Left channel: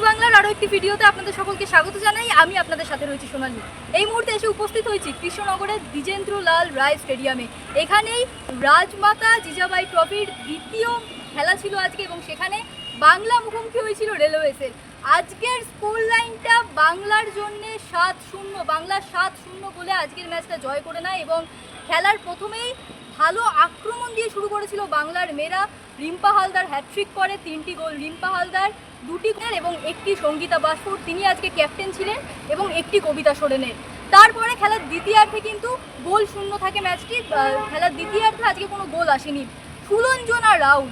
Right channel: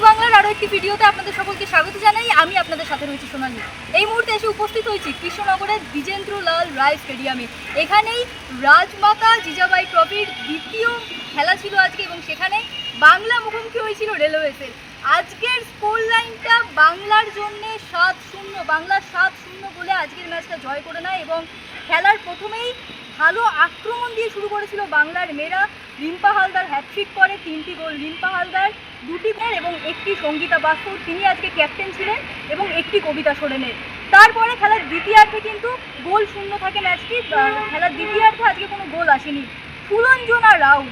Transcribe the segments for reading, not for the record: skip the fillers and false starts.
Sports বাংলার আরও একটি ভিডিওতে আপনাদের সকলকে স্বাগত জানাই। আমি আপনাদের সাথে রয়েছি সোনালী। এই মুহূর্তে এসে উপস্থিত হয়েছি কৃষ্ণনগরের দ্বিজেন্দ্রলাল রায় স্টেডিয়ামে। এখানেই রাজমাতা জিজাবাই ট্রফির দ্বিতীয় খেলা ছিল আজকে এবং সেখানে বাংলা মুখোমুখি হয়েছিল রেলওয়েসের। আজকের স্কোর লাইনটা বাংলার জন্য 7-0, বাংলা 7-0 বলে আজকের ম্যাচটা জয় করে নেয় এবং খেলার প্রথমেই ভালো আক্রমণ দিয়ে শুরু করেছিল বাংলার মেয়েরা। রিম্পা হালদার হ্যাট্রিক করে, 3টি গোল রিম্পা হালদার, 2টি গোল এবং 1টি সঙ্গীতা বাসপুর, তিনি আজকে ক্যাপ্টেন ছিলেন, এবং 1টি কবিতা সোরেনের। তারপরে খেলার দ্বিতীয়ার্ধে কিন্তু গোল শূন্য থাকে ম্যাচটি। খেলার দ্বিতীয়ার্ধে আজকে কোনো গোল আসেনি। সুলঞ্জনা রাউল,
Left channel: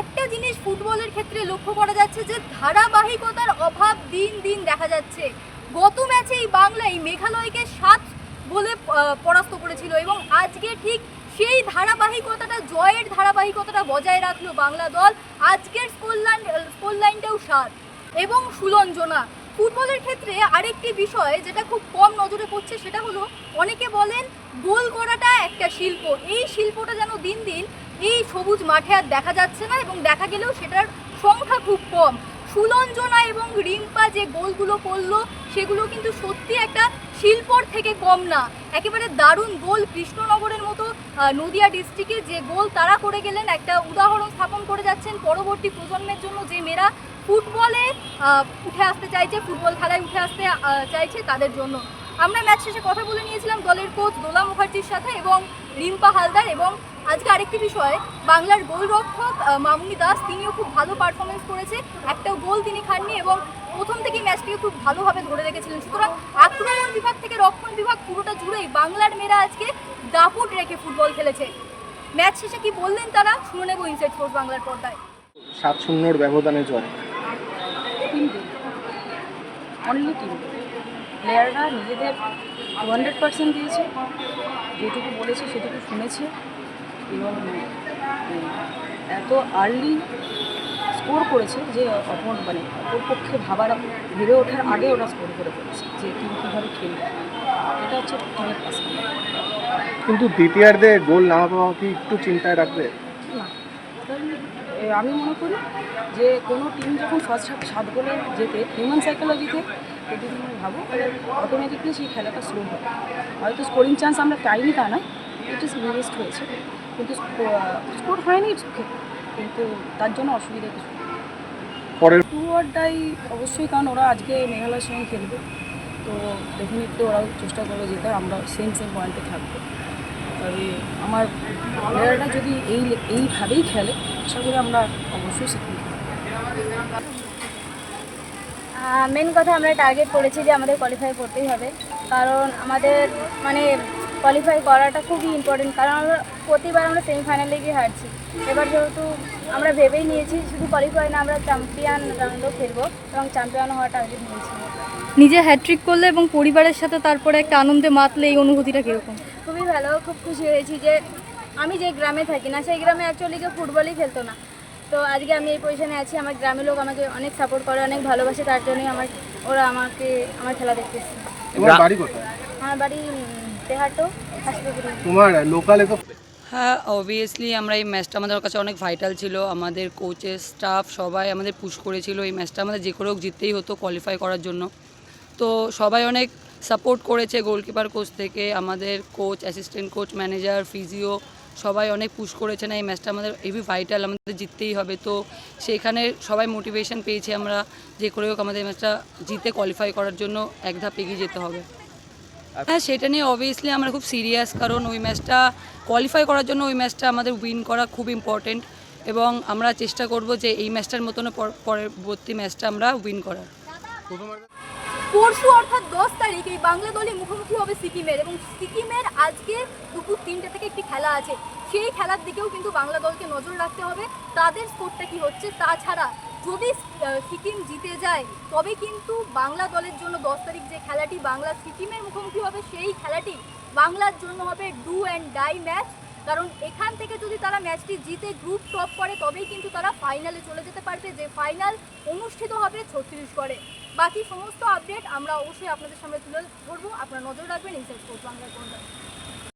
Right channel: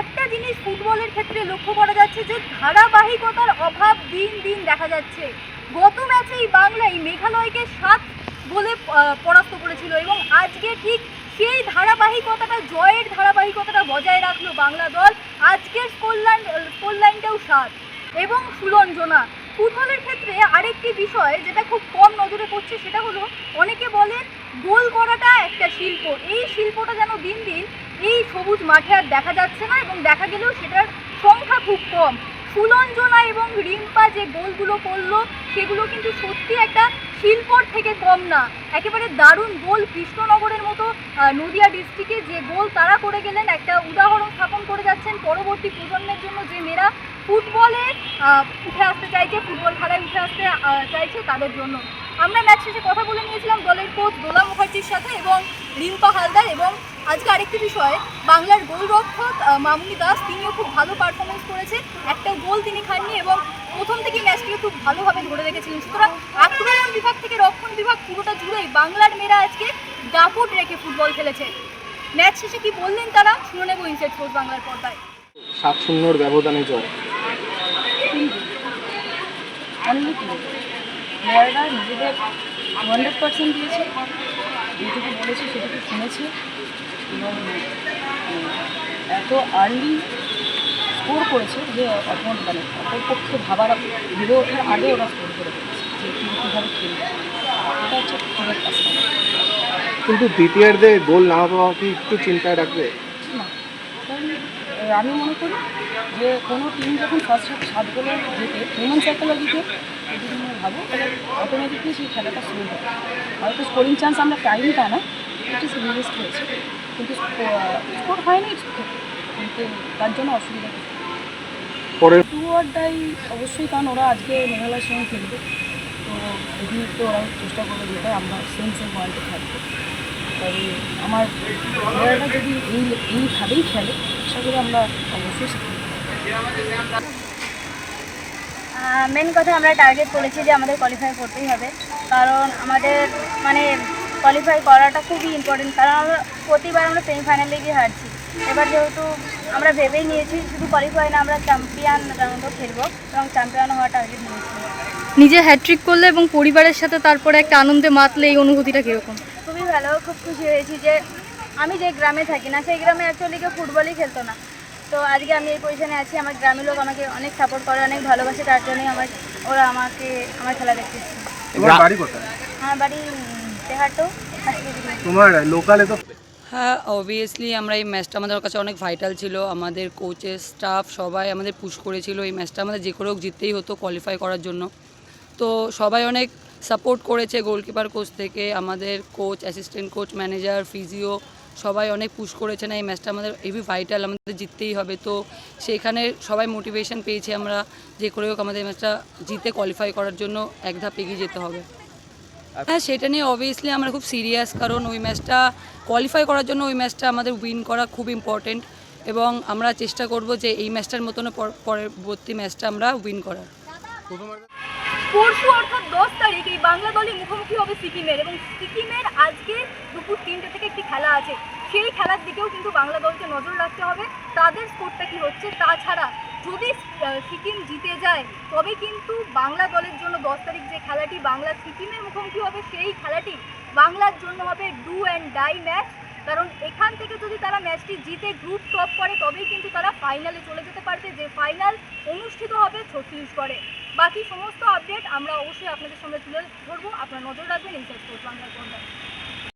একটা জিনিস ফুটবলের ক্ষেত্রে লক্ষ্য করা যাচ্ছে যে ধারাবাহিকতার অভাব দিন দিন দেখা যাচ্ছে। গত ম্যাচেই বাংলা এই মেঘালয়কে 7 গোলে পরাস্ত করেছিল এবং আজকে ঠিক সেই ধারাবাহিকতাটা, জয়ের ধারাবাহিকতাটা বজায় রাখলো বাংলা দল। আজকের স্কোর লাইনটাও 7। এবং সুলঞ্জনা, ফুটবলের ক্ষেত্রে আরেকটি বিষয় যেটা খুব কম নজরে পড়ছে সেটা হলো, অনেকে বলেন গোল করাটা একটা শিল্প, এই শিল্পটা যেন দিন দিন এই সবুজ মাঠে আর দেখা যাচ্ছে না এবং দেখা গেলেও সেটার সংখ্যা খুব কম। সুলঞ্জনা এবং রিম্পা যে গোলগুলো করলো সেগুলো কিন্তু সত্যি একটা শিল্পর থেকে কম না, একেবারে দারুণ গোল। কৃষ্ণনগরের মতো নদিয়া ডিস্ট্রিক্টে যে গোল তারা করে গেলেন, একটা উদাহরণ স্থাপন করে যাচ্ছেন পরবর্তী প্রজন্মের জন্য, যে মেয়েরা ফুটবলে উঠে আসতে চাইছে, ফুটবল খেলায় উঠে আসতে চাইছে তাদের জন্য। আমরা ম্যাচ শেষে কথা বলে নিয়েছিলাম দলের কোচ দোলা মুখার্জির সাথে এবং রিম্পা হালদার। এবং আজকে আরেকটি বিষয়, বাংলার গোলরক্ষক মামুনি দাস, তিনিও খুব ভালো পারফরমেন্স করেছে, একটা গোল তিনি খাননি এবং প্রথম থেকে ম্যাচটিকে খুব ভালোভাবে ধরে রেখেছিলেন। সুতরাং আক্রমণ বিভাগ থেকে রক্ষণ বিভাগ পুরোটা জুড়েই বাংলার মেয়েরা আজকে দাপুট রেখে ফুটবল খেলেছে। ম্যাচ শেষে কি বললেন তারা, শুনে নেব ইনসাইড স্পোর্টস বাংলার পর্দায়। 7-0 ব্যবধানে জয়। অনলি টিম প্লেয়াররা নিজেদের 100% দিয়েছে, যেটুকু বলেছে সেটুকু শুনেছে এবং এত আর্লি স্কোর করেছে যে অপরপক্ষে ভেবে ওঠার আগে ওরা স্কোর করে ফেলেছে যে টিম কীভাবে খেলবে। এটা হচ্ছে টিমের কাজ। কিন্তু দ্বিতীয়ার্ধে গোল না পাওয়া কি একটু চিন্তায় রাখবে? না, কারণ আমি মনে করি যে কোনো টিম যখন ফার্স্ট হাফে 7 গোলে যেতে, হিউম্যান সাইকোলজিতে যদি তুমি ভাবো তাহলে অটোমেটিকলি সেই খেলাটা স্লো হবে। হয়তো স্কোরিং চান্স আমরা পাইনি তা না, ইট ইস রিলিস্ট হয়েছে, কিন্তু স্কোর হয়নি, কিন্তু তার জন্য অসুবিধা কিছু পরের টু অর ডাই অবশ্যই, কারণ ওরা আজকে মেঘালয়ের সঙ্গে খেলবে, তো ডেফিনেটলি ওরাও চেষ্টা করবে যেটা আমরা সেম পয়েন্টে থাকবো। তবে আমার প্লেয়াররা যদি এইভাবেই খেলে, আশা করি আমরা অবশ্যই শিখব। মেন কথা, আমরা টার্গেট করেছি যে আমাদের কোয়ালিফাই করতেই হবে, কারণ আমাদের কোয়ালিফাই করাটা খুবই ইম্পর্টেন্ট, কারণ আমরা প্রতিবার আমরা সেমিফাইনালে গিয়ে হারছি। এবার যেহেতু আমরা ভেবেই নিয়েছি শুধু কোয়ালিফাই না, আমরা চ্যাম্পিয়ন রাউন্ডও খেলবো এবং চ্যাম্পিয়ন হওয়ার টার্গেট নিয়েছি। নিজে হ্যাট্রিক করলে এবং পরিবারের সাথে তারপরে একটা আনন্দে মাতলে, এই অনুভূতিটা কীরকম? খুবই ভালো, খুব খুশি হয়েছি যে আমি যে গ্রামে থাকি না, সেই গ্রামে অ্যাকচুয়ালি কেউ ফুটবলই খেলতো না, তো আজকে আমি এই পজিশনে আছি। আমার গ্রামের লোক আমাকে অনেক সাপোর্ট করে, অনেক ভালোবাসে, তার জন্যই ওরা আমাকে আমার খেলা দেখতেছে। তোমার বাড়ি কোথায়? আমার বাড়ি তেহাটো, হাসপাতাল। তোমার লোকালে তো? হ্যাঁ, অবভিয়াসলি আমরা এই ম্যাচটা আমাদের কাছে অনেক ভাইটাল ছিল। আমাদের কোচের স্টাফ সবাই আমাদের পুশ করেছিল, এই ম্যাচটা আমাদের যে করে হোক জিততেই হতো কোয়ালিফাই করার জন্য। তো সবাই অনেক সাপোর্ট করেছে, গোলকিপার কোচ থেকে আমাদের coach, assistant coach, manager, physio, সবাই অনেক পুশ করেছে। না, এই ম্যাচটা আমাদের হেভি ভাইটাল, আমাদের জিততেই হবে। তো সেইখানে সবাই মোটিভেশন পেয়েছি আমরা, যে করে হোক আমাদের ম্যাচটা জিতে কোয়ালিফাই করার জন্য এক ধাপ এগিয়ে যেতে হবে। হ্যাঁ, সেটা নিয়ে অবভিয়াসলি আমরা খুব সিরিয়াস, কারণ ওই ম্যাচটা কোয়ালিফাই করার জন্য ওই ম্যাচটা আমাদের উইন করা খুব ইম্পর্টেন্ট এবং আমরা চেষ্টা করব যে এই ম্যাচটার মতন পরবর্তী ম্যাচটা আমরা উইন করার। পরশু অর্থাৎ 10 তারিখ এই বাংলা দলই মুখোমুখি হবে সিকিমের, এবং সিকিমের আজকে দুপুর 3টে থেকে একটি খেলা আছে। সেই খেলার দিকেও কিন্তু বাংলা দলকে নজর রাখতে হবে, তাদের স্কোরটা কি হচ্ছে। তাছাড়া যদি সিকিম জিতে যায় তবে কিন্তু বাংলা দলের জন্য 10 তারিখ যে খেলাটি বাংলা সিকিমের মুখোমুখি হবে, সেই খেলাটি বাংলার জন্য হবে ডু অ্যান্ড ডাই ম্যাচ। কারণ এখান থেকে যদি তারা ম্যাচটি জিতে গ্রুপ টপ করে তবেই কিন্তু তারা ফাইনালে চলে যেতে পারবে, যে ফাইনাল অনুষ্ঠিত হবে ছত্তিশগড়ে। বাকি সমস্ত আপডেট আমরা অবশ্যই আপনাদের সামনে তুলে ধরবো, আপনারা নজর রাখবেন ইনসাইড স্পোর্টস বাংলার পর্দায়।